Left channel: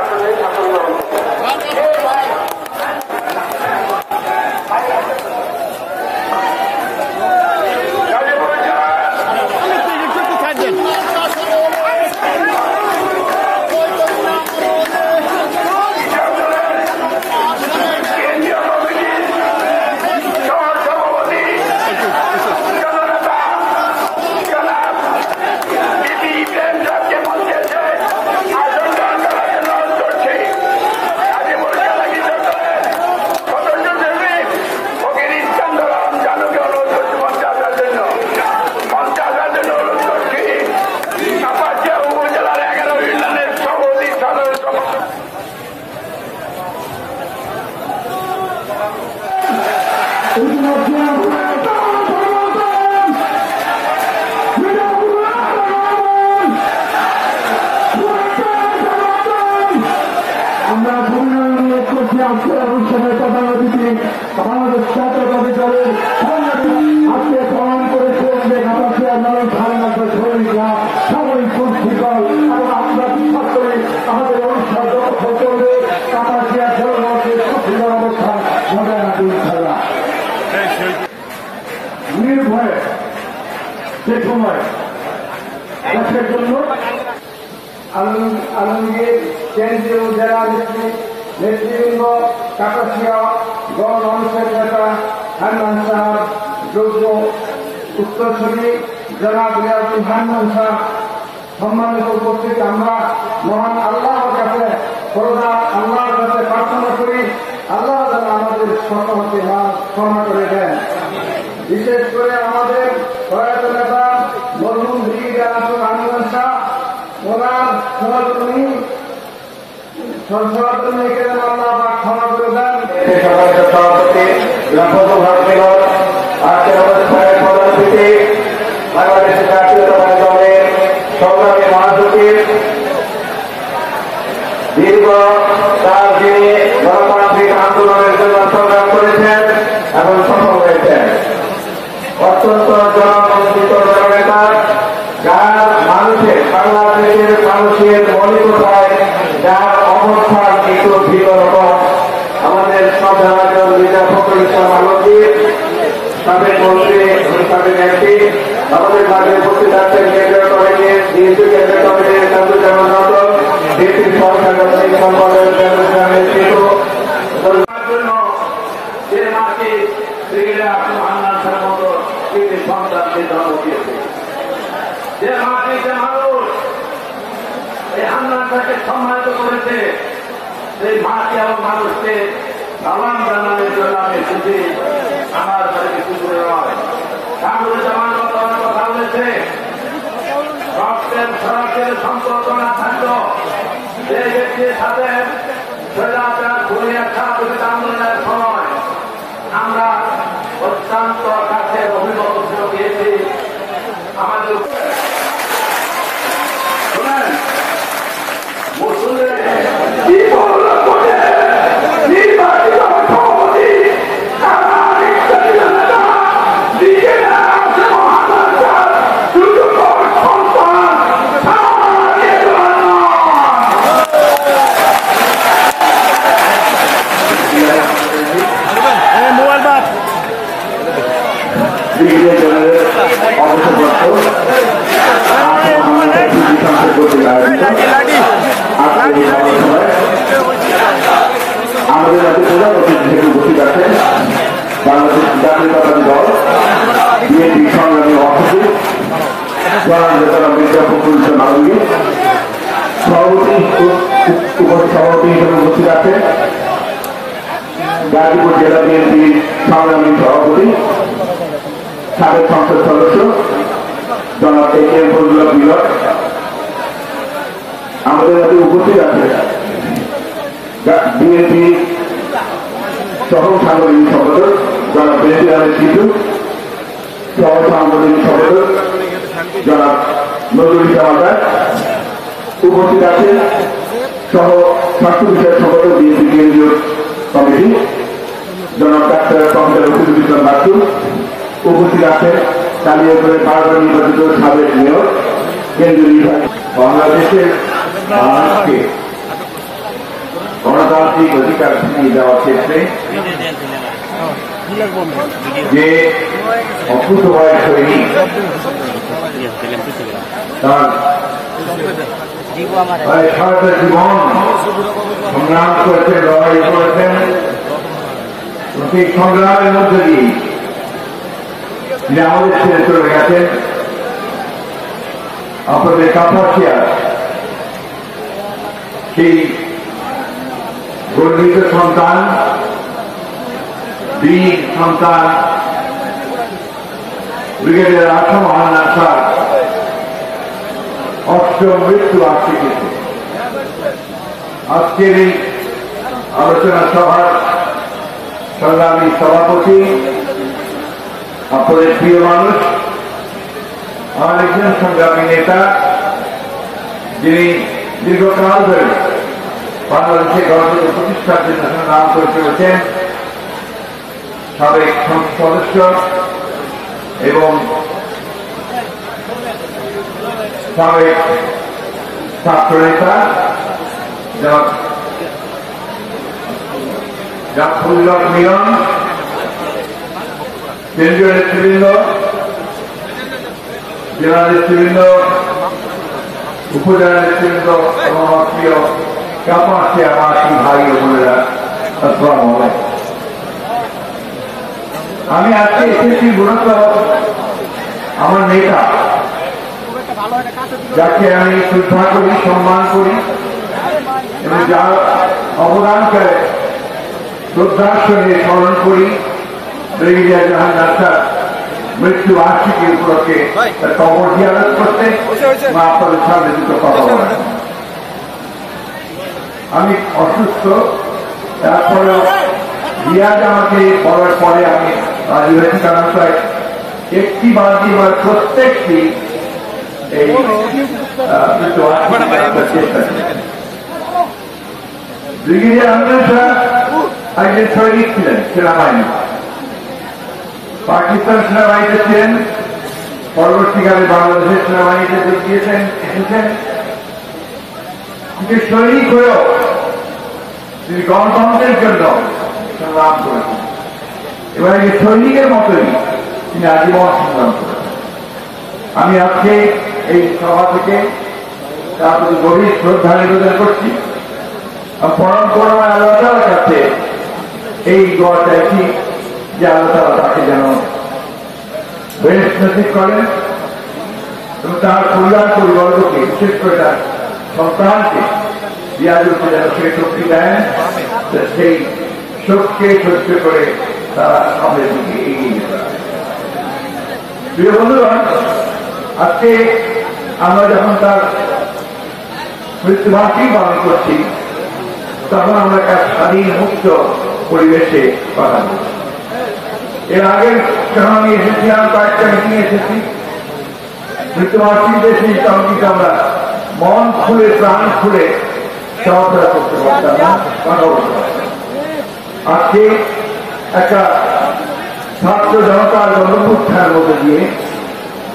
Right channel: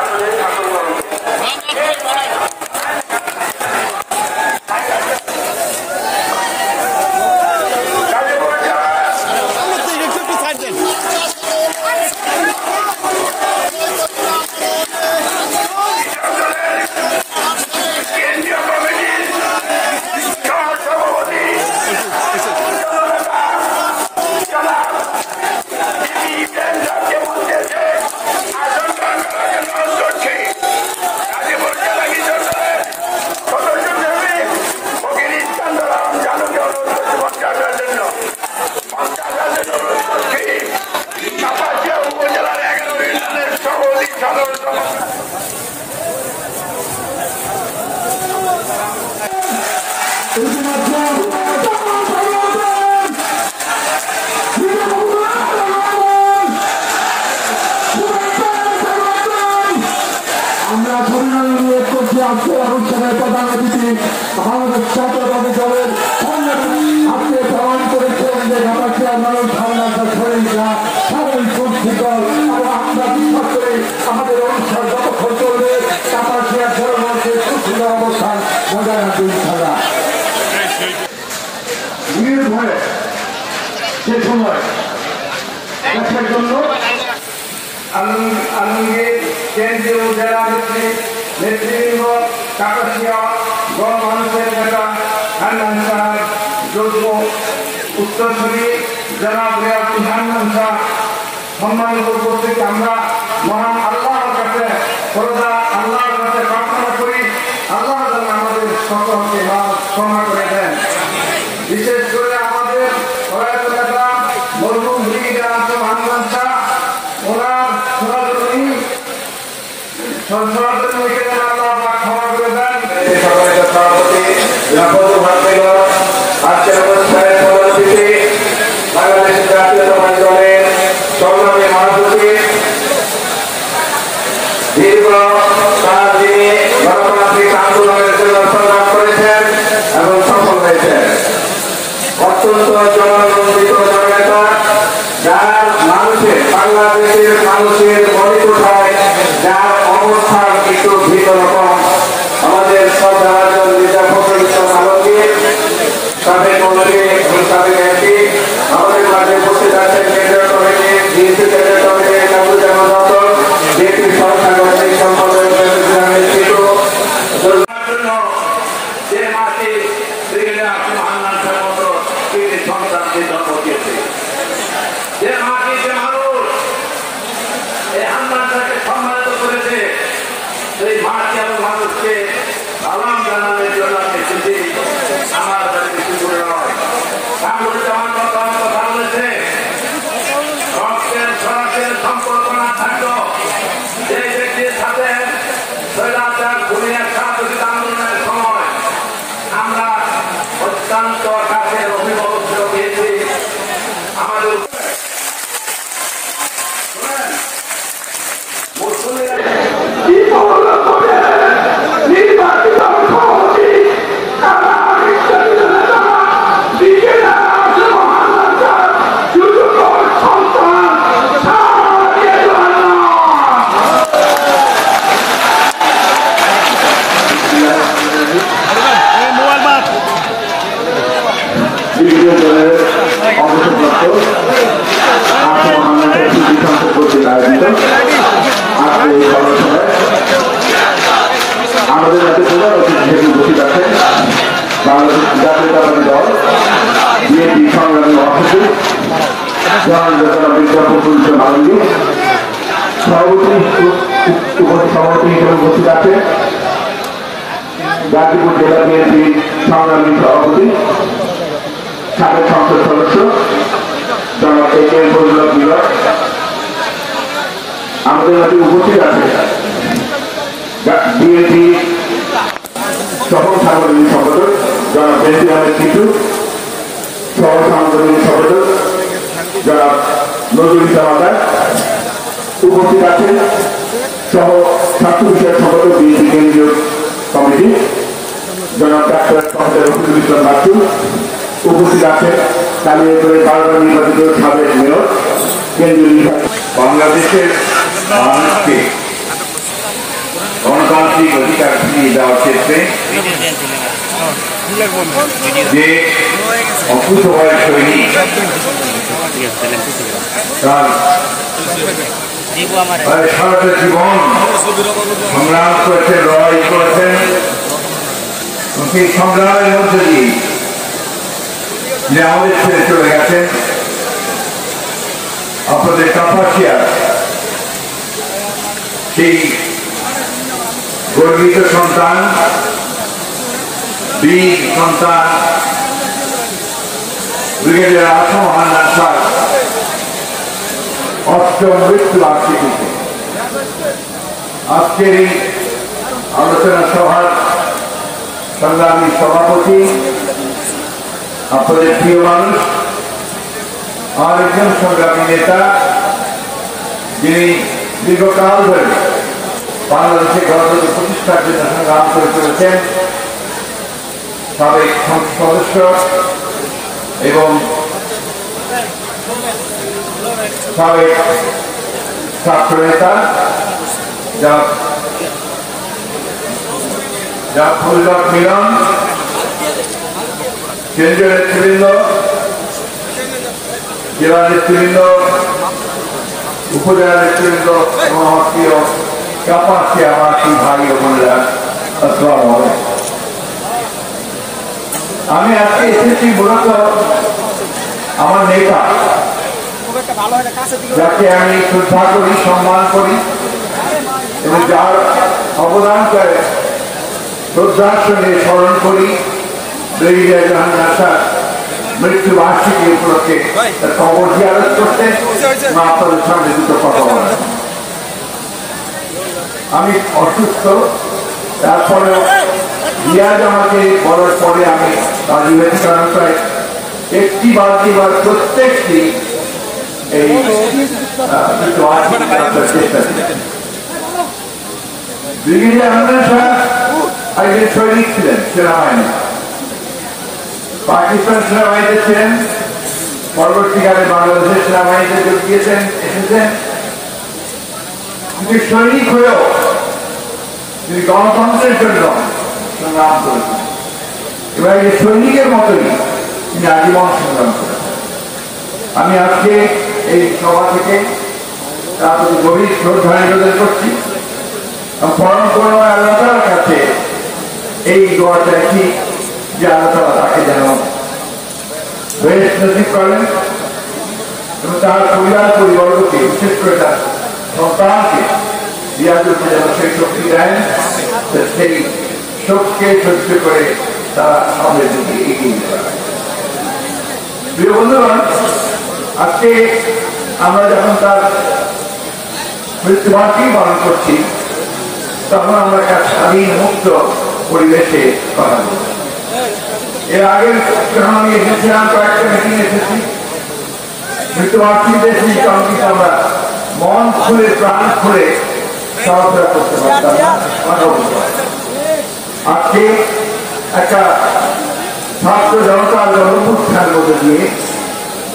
আপনাদের শাসন গ্রহণ আলমগীর কেন্দ্রীয় জেলা নেতৃবৃন্দ কাপাসিয়া গণমানুষের নেতা হান্নান সাহেব যোগ্য উত্তরসূরি জনাব রিয়াজুল হান্নান সাহেব সম্মানিত উপস্থিত আমরা মহান আল্লাহর কাছে সর্বদা আল্লাহর কাছে প্রার্থনা করি আল্লাহ যেন আমাদের সকলকে ক্ষমা করে দেন। বিশেষ করে আমাদের প্রয়াত নেতা মরহুম ব্রিগেডিয়ার হান্নান সাহেব ওনার আল্লাহ ক্ষমা করে দেন। আজকের অবস্থায় পরবর্তীতে বাংলাদেশের জাতীয়তাবাদী দলের সংগ্রামী মহাসচিব দীর্ঘ কাল যিনি গণতান্ত্রিক আন্দোলনের জন্য সংগ্রাম করেছেন এবং সফল হয়েছেন, অত্যন্ত জননন্দিত জননেতা যার মানুষের বাংলাদেশের মানুষের মনিকোঠায় যার অবস্থান একটু ভিন্ন রকম, আমাদের সব রাজন মির্জা ফখরুল ইসলাম আলমগীর সাবেক মন্ত্রী সাবেক এমপি আমাদের মাঠে উপস্থিত আছেন কেন্দ্রীয় কমিটি বিএনপি কেন্দ্রীয় কমিটি কামরুজ্জামান নতুন বিএনপি সহসাংগঠনিক সম্পাদক জন্য যে মাটি ব্রিগেডিয়ার হান্নান সাহেবের মতো কৃতি সন্তানকে জন্ম দিয়েছে, যে মাটি যে মানুষ এই হান্নান সাহেবকে সম্মানিত করেছে, সেই মাটি এবং মানুষকে সালাম জানানোর জন্য আমি খুশি। আমার কিছু করে নয়, কামরুজ্জামান কথা বলেছে রক্তের সড়কের সম্পর্ক না থাকলো যে ব্যক্তির সাথে স্বৈরাচার ঘুরিয়ে স্বাধীনতা আন্দোলনের সময় আমরা অত্যন্ত কাছের অভিভাবক দিয়েছি। আমাদের অবসরপ্রাপ্ত কর্তৃক আয়োজিত আজকে এই কর্মশালায় আমাদের রাজ্যে প্রধান অতিথি থেকে উপস্থিত আছেন বাংলাদেশ জাতীয়তাবাদী দল বিএনপি সংগ্রামী মহাসচিব জনাব মির্জা ফখরুল ইসলাম আলমগীর, সভাপতি হিসেবে উপস্থিত আছেন গাজীপুর জেলা বিএনপি সংগ্রামী সভাপতি সাবেক সংসদ সদস্য জনাব এ.কে.এম. ফজলুল মিলন। আমাদের মাঝে উপস্থিত আছে বিএনপি সহ সাংগঠনিক সম্পাদক জনাব বেনজির আহমেদ টিটু, সহ সাংগঠনিক সম্পাদক জনাব নজরুল ইসলাম আজাদ, উপস্থিত আছেন সহ স্বাস্থ্য বিষয়ক সম্পাদক বিএনপি কেন্দ্রীয় কমিটি জনাব ডাক্তার প্রফেসর রফিকুল ইসলাম বাচ্চু, উপস্থিত আছেন কালিয়াকৈর বারবার নির্বাচিত সাবেক মেয়র কেন্দ্রীয় নির্বাচন বাংলাদেশের মানুষকে গণতান্ত্রিক অধিকার ফিরিয়ে দেওয়ার ক্ষেত্রে যে অকুতভয় সৈনিক তার সারাটা জীবন সংগ্রাম করেছেন, লড়াই করেছেন, সেই সংগ্রামের মধ্যে দিয়ে তিনি আমাদের ছেড়ে চলে গেছেন। আপনাদের কাপাসিয়া সেই গর্বিত সন্তান, বীর সন্তান ব্রিগেডিয়ার আসম হান্নান স্যার অষ্টম মৃত্যু বার্ষিকীতে আজকের এই আলোচনা সভার সংগ্রামী সভাপতি, আপনাদের প্রিয় মানুষ, আমার একজন সংগ্রামী নেতা, যিনি দীর্ঘকাল ধরে বাংলাদেশের গণতন্ত্র প্রতিষ্ঠার জন্য সংগ্রাম করে চলেছেন, সাবেক সংসদ সদস্য এবং সাবেক ছাত্র নেতা ফজলুল মিলন, কেন্দ্রীয় নেতৃবৃন্দ, জেলা নেতৃবৃন্দ, উপজেলা নেতৃবৃন্দ এবং আমার প্রিয় কাপাসিয়া মাসি ভাই ও বোনেরা, আসসালামু আলাইকুম। আমি আজকে এসেছি মূলত আমার নেতা, যাকে আমি শ্রদ্ধা করি, সম্মান করি এবং যার অবদানকে শ্রদ্ধার সঙ্গে স্মরণ করি, ব্রিগেডিয়ার জাহাঙ্গীর স্যার মৃত্যু বার্ষিকী উপলক্ষে তার কবর জিয়ারত করতে আপনাদের সামনে দুটো কথা বলেন। আমি অসুস্থ, তারপরে রিয়াজ আমাকে বলার পরে আমি রাজি হয়েছি, কারণ প্রায় একটি বাদ প্রত্যেকটি এই চেষ্টা করেছেন। ব্রিগেডিয়ার হান্নান স্যার একজন সৈনিক ছিলেন, সেনাবাহিনী, পাকিস্তান সেনাবাহিনীতে ছিলেন, পরবর্তীকালে বাংলাদেশের সেনাবাহিনীতে যোগ দিয়েছেন, এসেছেন। কিন্তু সৈনিক হয়েও তিনি গণতন্ত্রের জন্য সংগ্রাম করেছেন এবং এই সৈনিকের মতোই তিনি আজীবন সংগ্রাম করেছেন। আমি আজকে এই সভা থেকে তার প্রতি গভীর শ্রদ্ধা নিবেদন করছি। পরম করুণাময় আল্লাহ তাআলার কাছে এই দোয়া চাইছি যে আল্লাহ তাআলা তাকে যেন বেহেশত নসিব করেন এবং তার পরিবারকে, বিশেষ করে তার সন্তানকে রিয়াজুলকে যেন সেই শক্তি দেন, সেই শোককে সহ্য করে তারা সামনের দিকে এগিয়ে যেতে পারে। প্রিয় বন্ধুগণ, আজকে আমরা যখন তার মৃত্যুবার্ষিকী পালন করছি, তখন আমরা একটা স্বাধীন মুক্ত পরিবেশে কথা বলছি। এর আগে যখন আমি এসেছিলাম, কয়েকটা মিটিং এসেছি, মৃত্যুবার্ষিকীতে এসেছি, তখন কিন্তু আমরা মন খুলে, প্রাণ খুলে চলাফেরা করতে পারতাম না, কথা বলতে পারতাম। আজকে একটা ছাত্র জনতার গণঅভ্যুত্থানের মধ্যে দিয়ে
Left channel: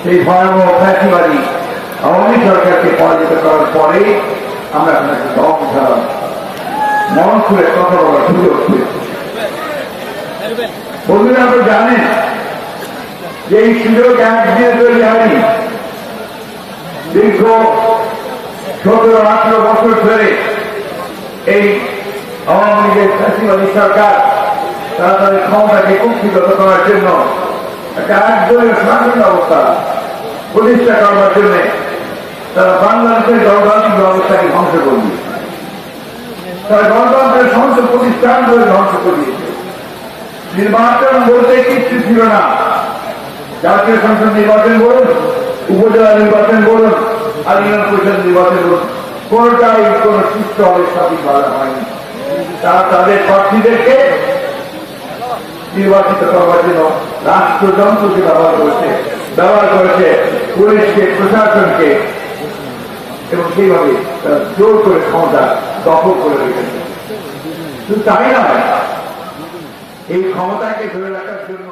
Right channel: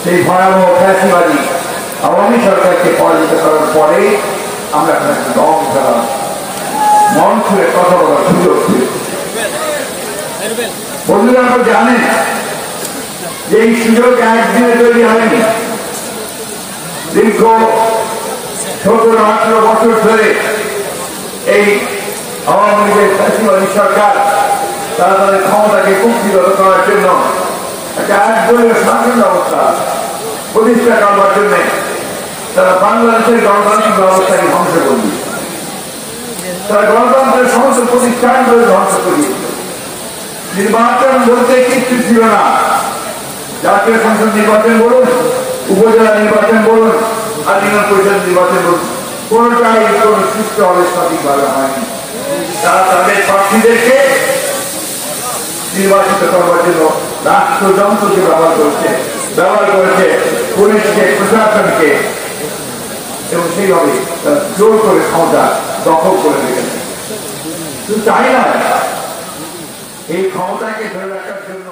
সেই ভয়াবহ ফ্যাসিবাদী আওয়ামী সরকারকে পরাজিত করার পরে আমরা এখন একটা দম খেলাম, মন খুলে কথা বলার সুযোগ পেয়েছি। বন্ধুরা, আপনারা জানেন যে এই সুযোগ একদিনে তৈরি হয়নি। দীর্ঘ 17-18 বছর ধরে এই আওয়ামী লীগের ফ্যাসিবাদী সরকার তারা তাদের ক্ষমতাকে কুক্ষিগত করার জন্য একটা একদলীয় শাসন ব্যবস্থা প্রতিষ্ঠা করবার জন্য তারা বাংলাদেশের গণতান্ত্রিক ব্যবস্থাকে ধ্বংস করে দিয়েছে। তারা গণতন্ত্রের সমস্ত প্রতিষ্ঠানগুলো ধ্বংস করে দিয়েছে। নির্বাচন বলতে কিছু ছিল না। জাতীয় সংসদ নির্বাচন বলুন, উপজেলা নির্বাচন বলুন, আর ইউনিয়ন পরিষদ নির্বাচন বলুন, কোনটাই কোন সুষ্ঠুভাবে সঠিকভাবে হয়নি। তারা তাদের প্রার্থীদেরকে নির্বাচিত করবার জন্য রাষ্ট্রযন্ত্রকে ব্যবহার করেছে পুলিশকে, প্রশাসনকে, এবং সেইভাবে তারা জোর করে ক্ষমতা দখল করে রেখেছে। শুধু তাই নয়, এই ক্ষমতাকে ধরে রাখার জন্য